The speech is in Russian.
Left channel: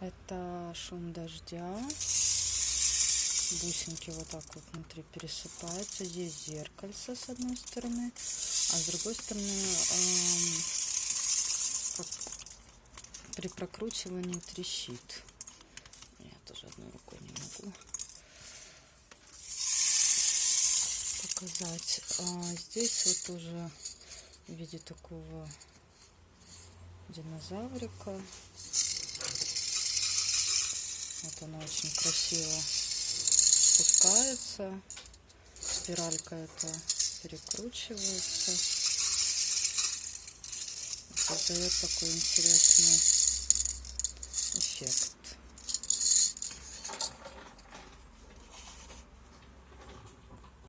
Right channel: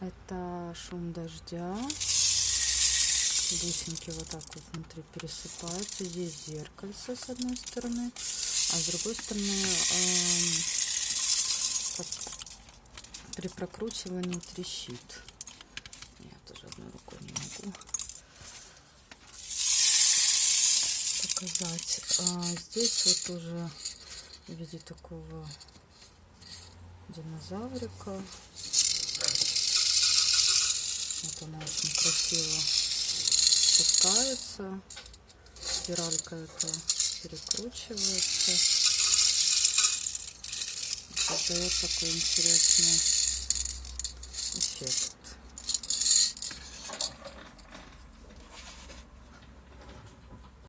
Это шум дождя. Бусинки вот так вот внутри пересыпаются. Здесь зеркальце с одной стороны, а с другой стороны при прокручивании трещит. Я тоже одной рукой не могу показать. Здесь вот тоже в виде такого динозаврика. Вот она очень красиво спускается. Спиралька это перекручивается. Создает такой интересный эффект.